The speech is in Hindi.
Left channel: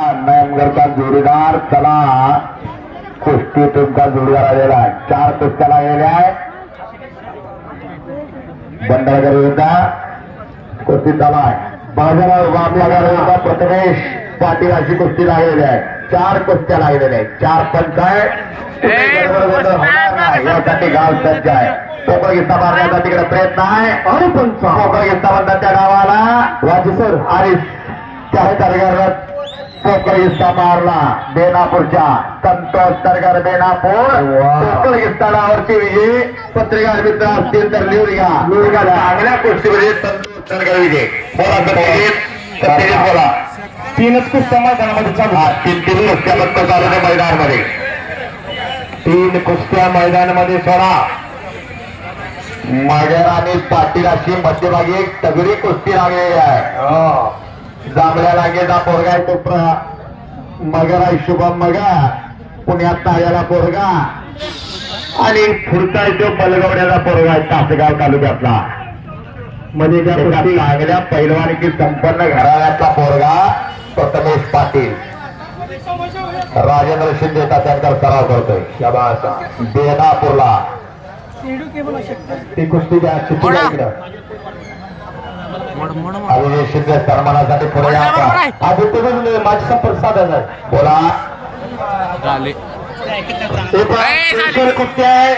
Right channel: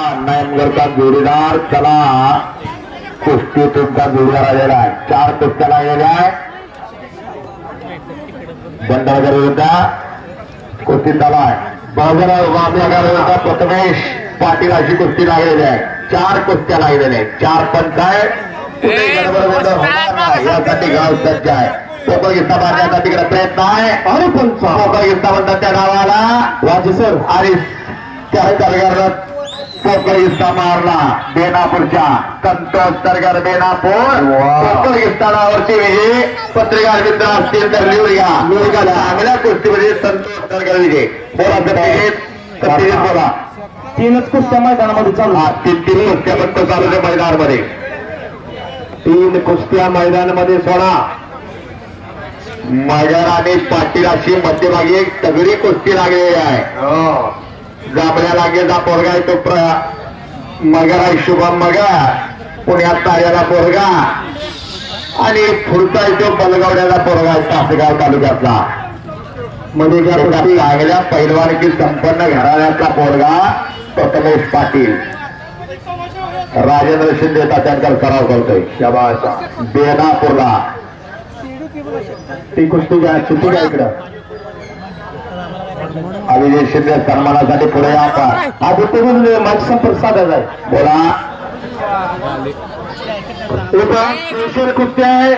नारायणगडचा जोडीदार चला। कुस्ती तुमचा जोडीदार आलेला आहे चार कुस्त्या लागलेल्या आहे बंडाळकर विरुद्ध कुस्ती चालू। आहे बाजूला वामला विरुद्ध प्रथमेश। पाटील अशी कुस्ती लागलेली आहे चार कुस्त्या लागलेल्या आहेत चार पंच आहे गोंधळ यासाठी गाव सज्ज आहे पोकर गिस्ता मारण्याचा तिकडे प्रयत्न आहे आणि पंच। पोकर गिस्ता म्हणतात त्या गावाला वाजे सर। आणि त्या गिस्ता मारला बेनापूरच्या संतोष तरगार बेनापूर गिस्तानावरची विजयी पत्रकार मित्र असतील तर लिहून घ्या घ्या चांगल्या गोष्टीमध्ये संतोष विजय बोला बोला तीनच कुस्त्या मैदानामध्ये चालू हा तीन तीन कुस्त्या फक्त चालू आहे मैदानामध्ये तीन कुस्त्या मैदानामध्ये सोडा मगर आणि पाटील अशी मध्यभागी एक तगडी कुस्ती लागलेली आहे जांभळ्या लागेचा पोरगा आहे तो प्र मगर आहे शुभम मगर. पुण्यात ताऱ्याला पोरगा. आणि पुढचा आहे तो बलगवड्याचा पोरगा आहे तासगाव तालुक्यातला. कुस्ती. लागल्या पैलवानकी संपन्न घराण्यातला पोरगा प्रथमेश पाटील. राजेंद्र शिंदे त्यांचा सराव करतोय. शबाचा बेनापूरला ती कुस्ती घ्या घ्या इकडं. आलेले सन्मानासाठी पुढे या आपण. आगतून माझी संपर्क साधा जाय बोला. तीनशे आहे.